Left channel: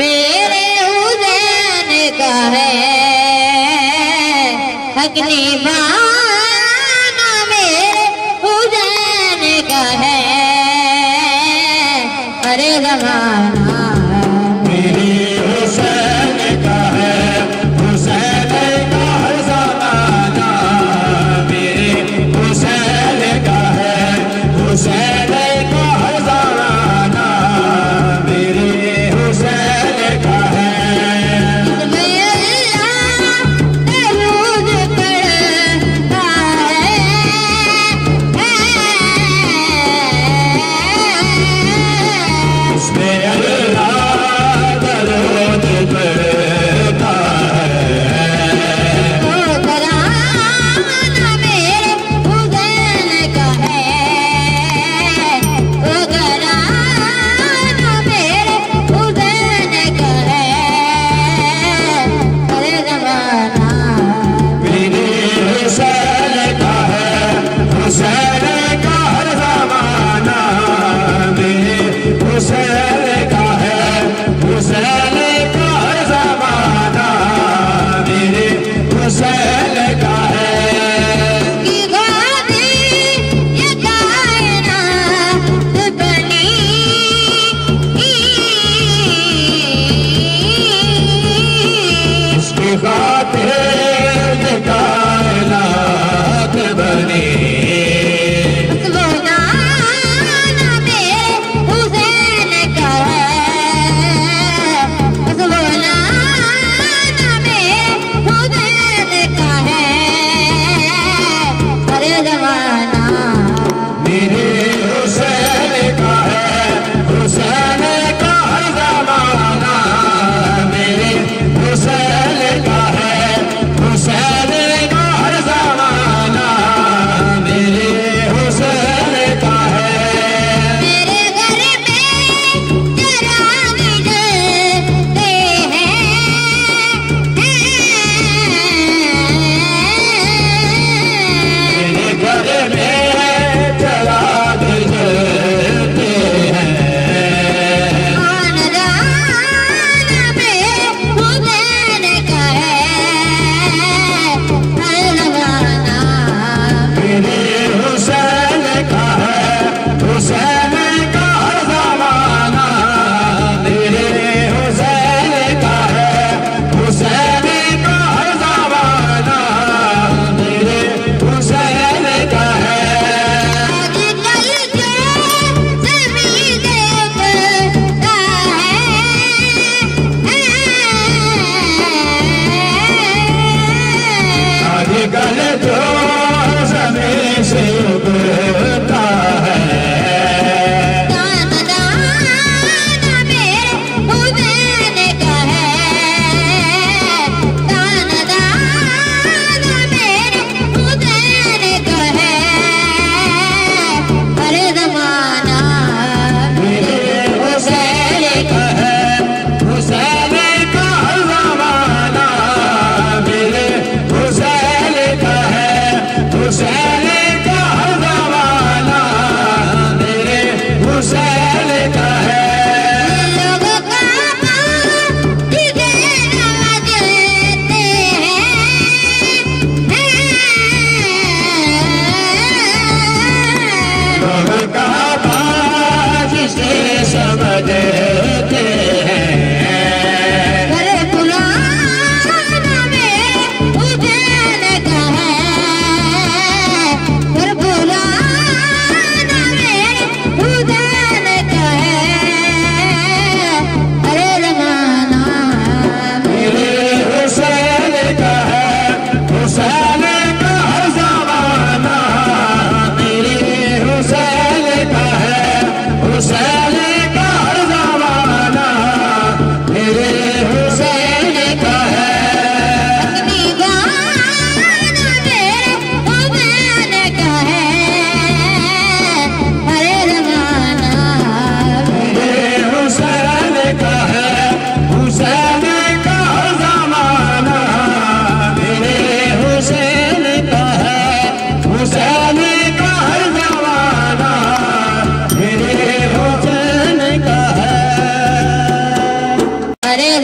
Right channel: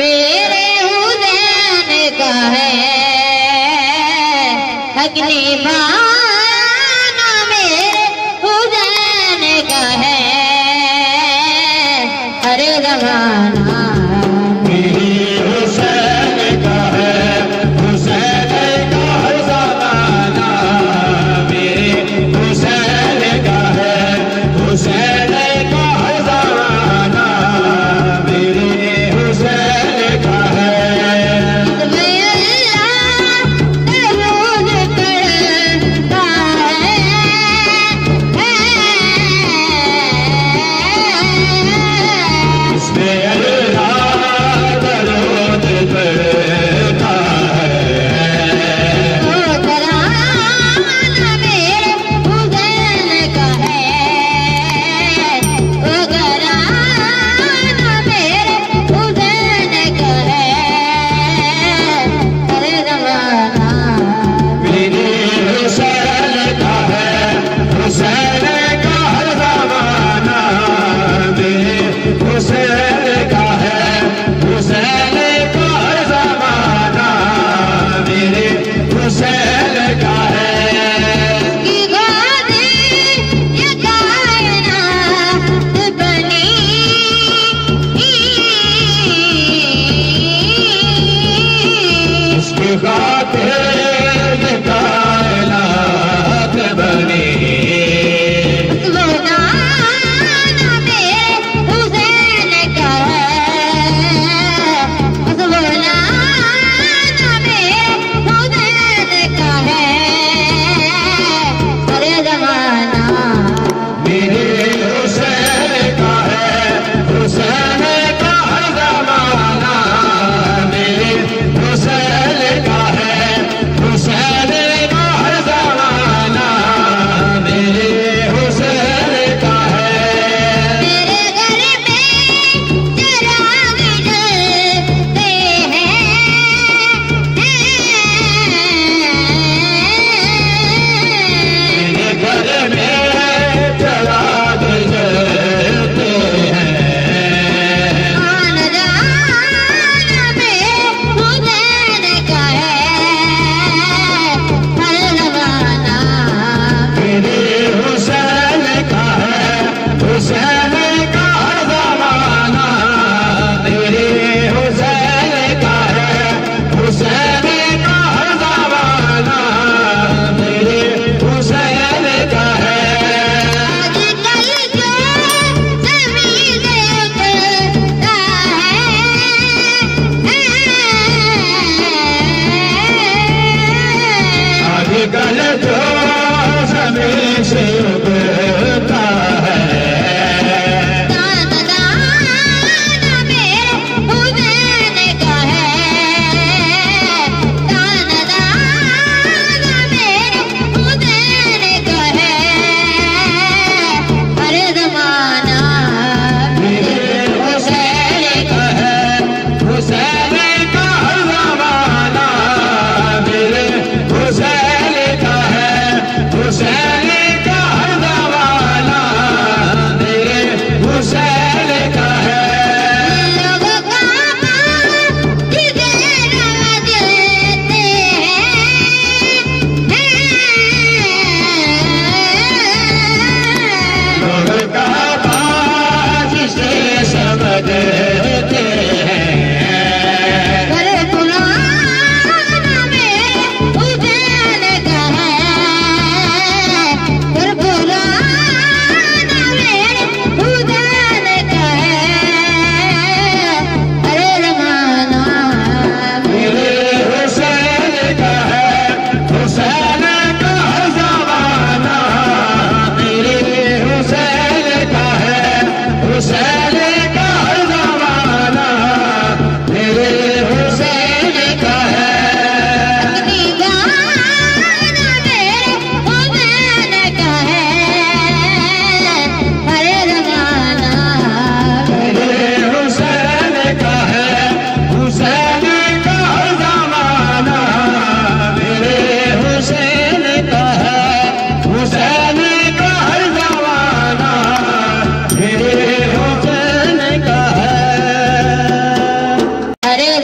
मेरे हुसैन का है अग्नि बाना, मेरे हुसैन का है अरे जमाना। मेरे हुसैन का है, हुसैन का है ज़माना। मेरे हुसैन का है, हुसैन का है ज़माना। मेरे हुसैन का है। इसमें अल्लाह दरूद पढ़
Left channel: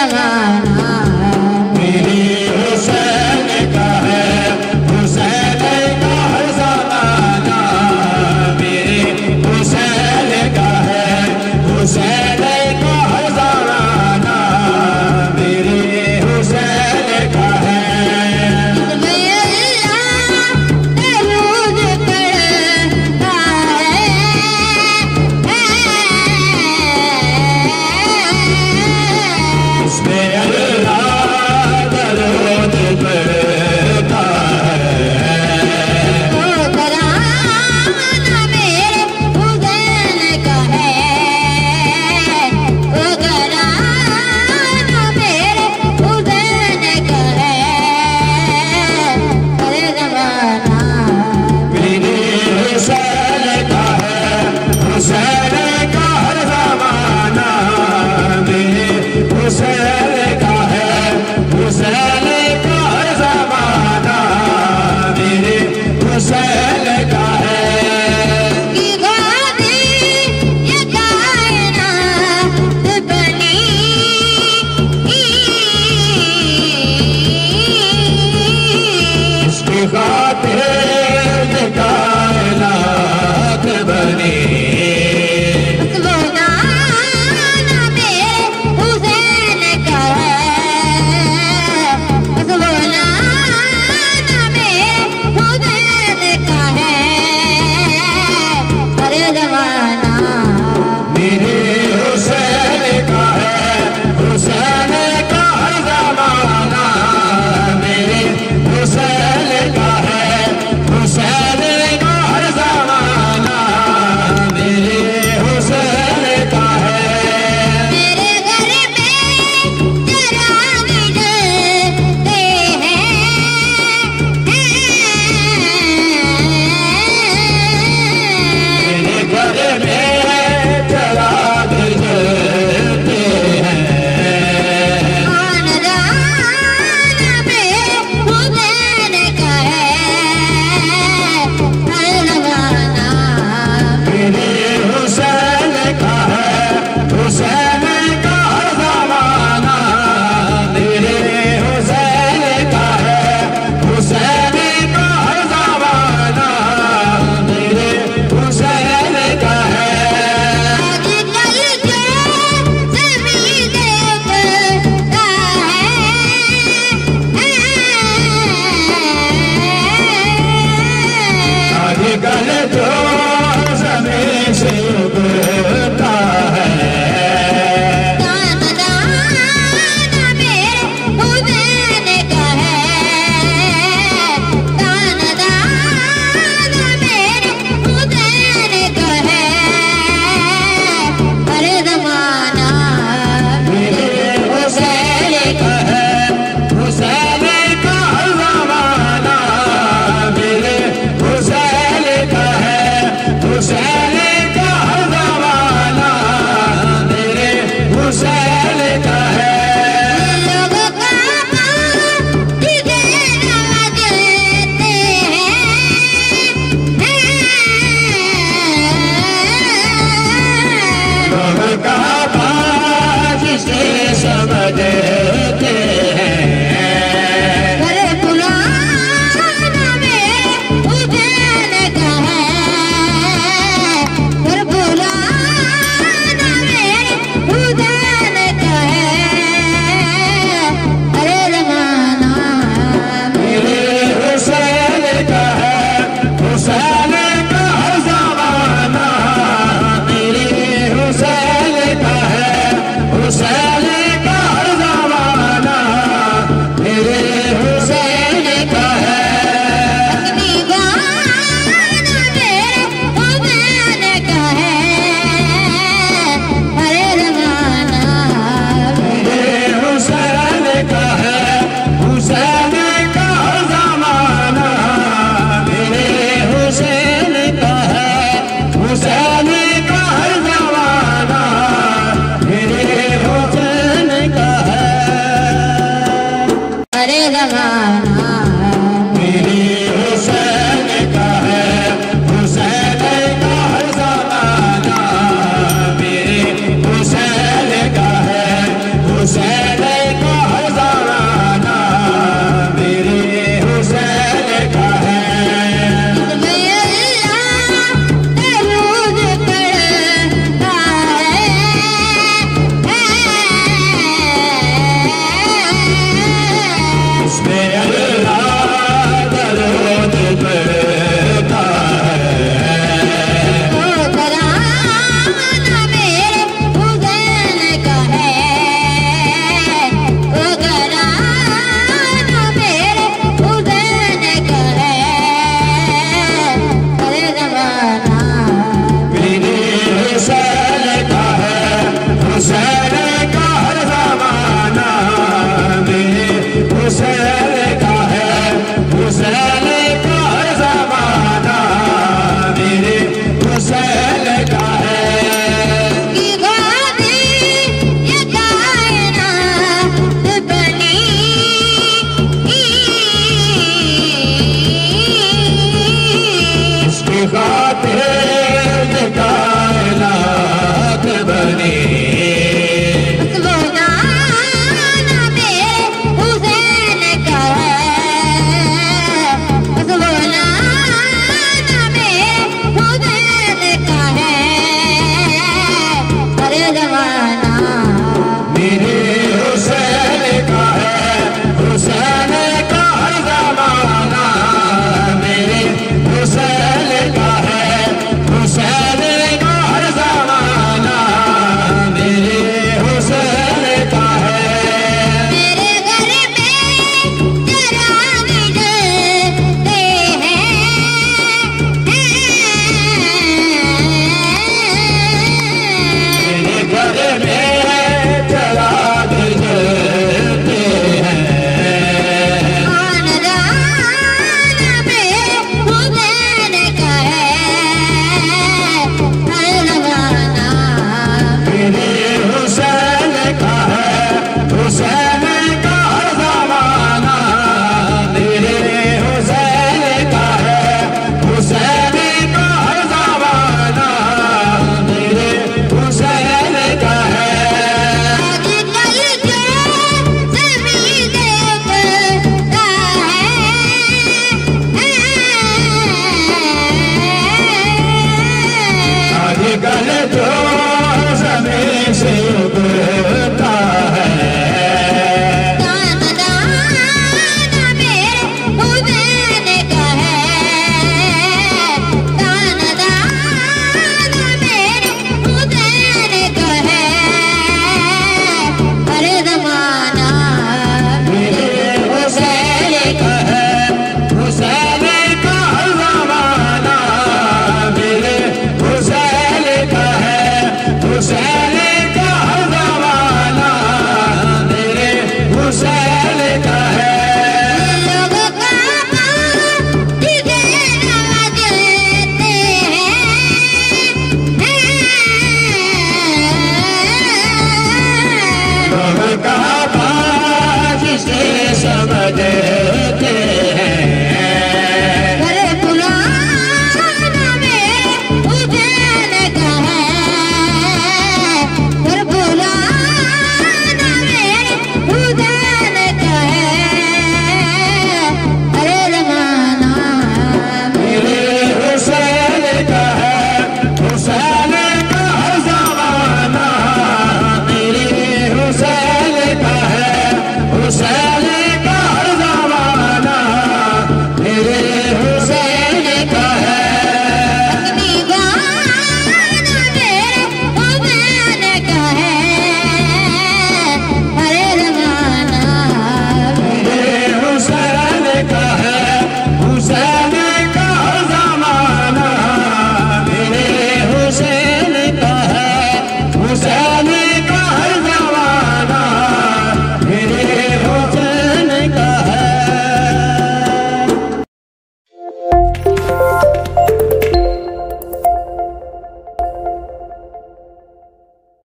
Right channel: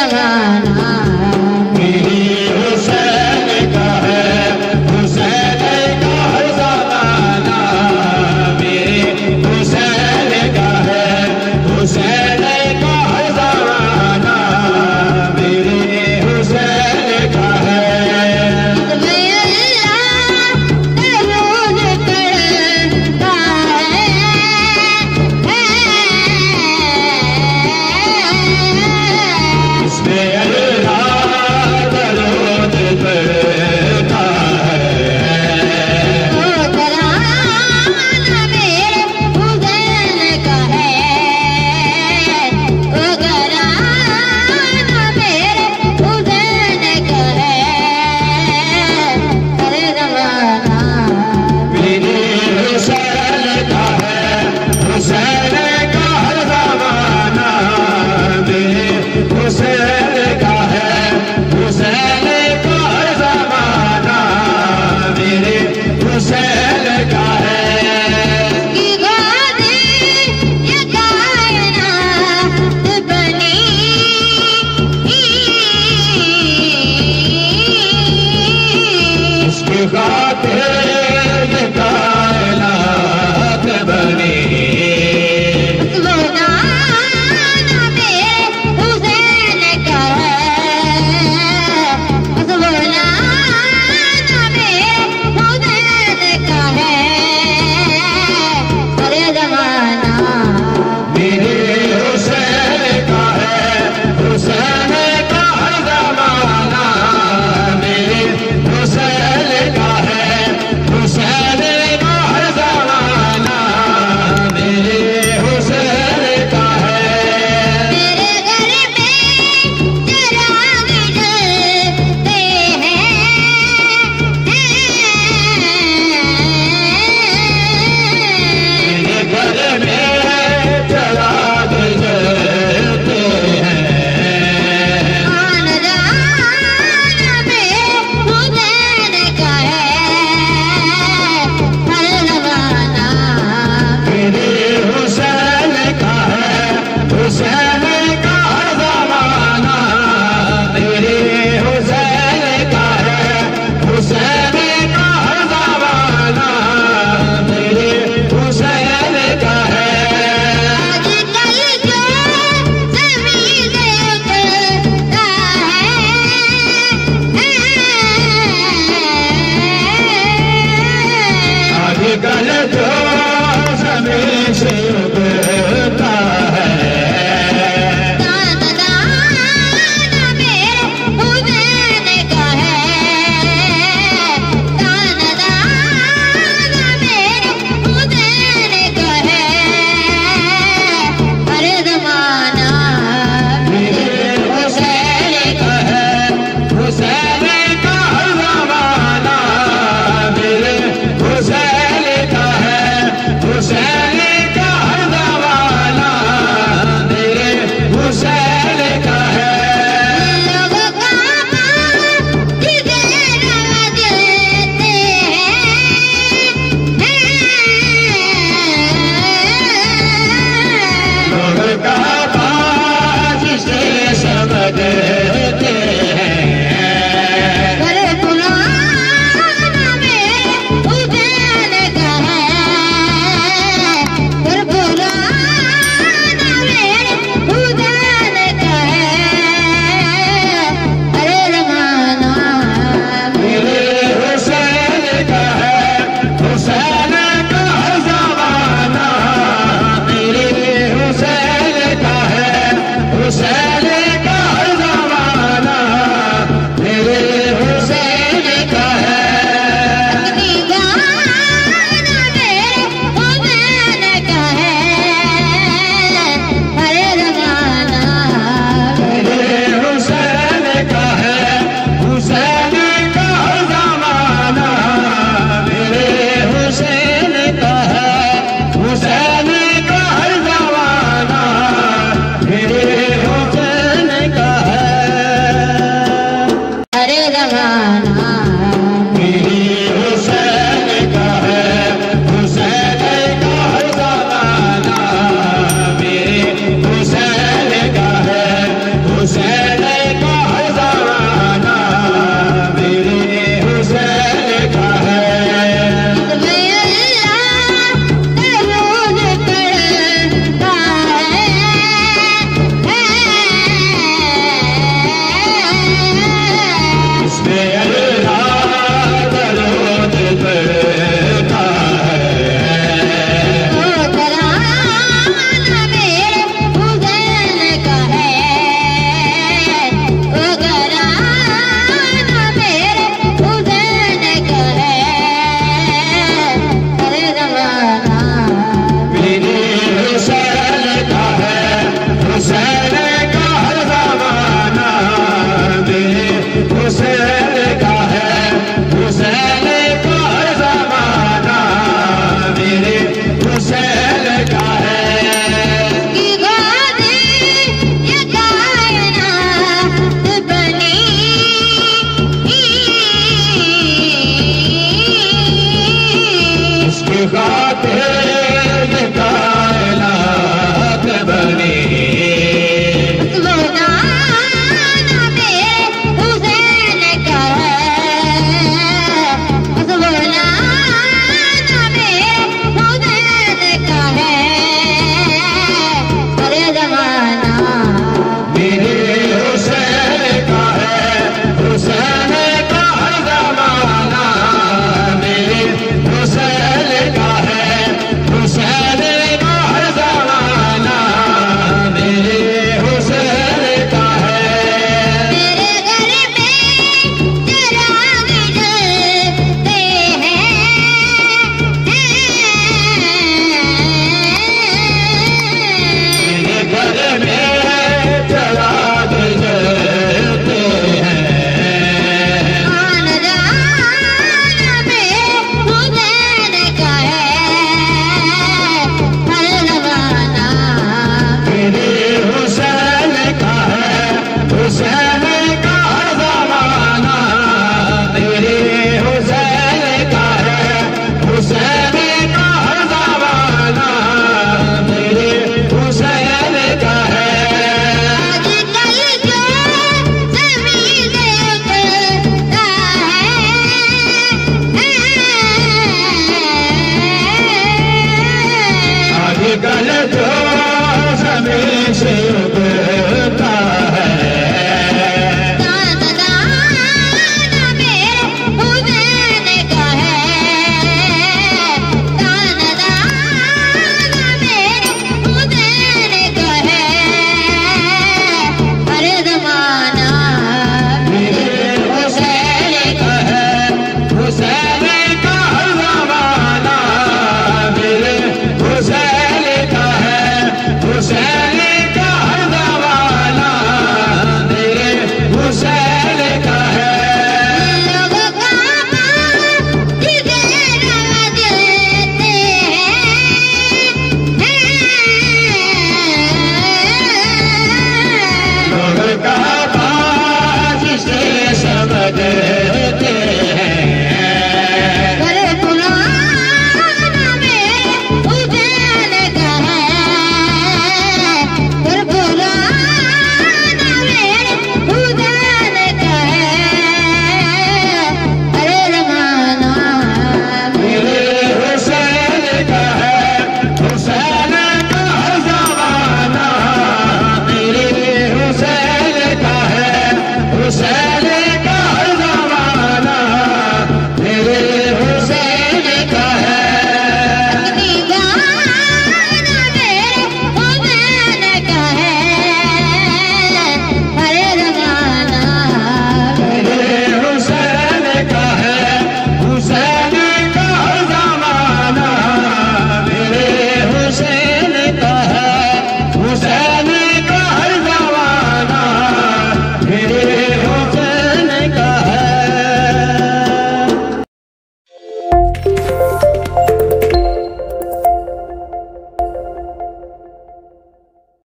जमाना मेरे हुसैन का है, हुसैन का हर ज़माना मेरे हुसैन का है, हुसैन का हर ज़माना मेरे हुसैन का है। इसमें अल्लाह दरूद पढ़ता है, वो घराना मेरे हुसैन का है, वो घराना मेरे हुसैन का है, हर ज़माना मेरे हुसैन का है, हुसैन का हर ज़माना मेरे हुसैन का है, हुसैन का हर ज़माना मेरे हुसैन का है। की गोदी ये कायनात बनी, उसकी खातिर ये कायनात बनी, वो गाना मेरे हुसैन का है, वो गाना मेरे हुसैन का है, हर ज़माना मेरे हुसैन का है, हुसैन का हर ज़माना मेरे हुसैन का है, हुसैन का हर ज़माना मेरे हुसैन का है। तेरे घर में चिराग जलते हैं, मेरे घर में चिराग जलते हैं, खानदान मेरे हुसैन का है, हर ज़माना मेरे हुसैन का है, हुसैन का हर ज़माना मेरे हुसैन का है, हुसैन का हर ज़माना मेरे हुसैन का है। आजकल जो ज़मीन देवता है, आजकल जो ज़मीन से उगता है, खानदान मेरे हुसैन का है, खानदान मेरे हुसैन का है, हर ज़माना मेरे हुसैन का है, हुसैन का हर ज़माना मेरे हुसैन का है, हुसैन का हर ज़माना मेरे हुसैन का है। लोग काबा जिसे राजते हैं, लोग काबा जिसे समझते हैं, घर पुराना मेरे हुसैन का है, घर पुराना मेरे हुसैन का है, हर ज़माना मेरे हुसैन का है, हुसैन का हर ज़माना मेरे हुसैन का है, हुसैन का हर ज़माना मेरे हुसैन का है। अपनी गाना मेरे हुसैन का है, हर ज़माना मेरे हुसैन का है, हुसैन का हर ज़माना मेरे हुसैन का है, हुसैन का हर ज़माना मेरे हुसैन का है। हर ज़माना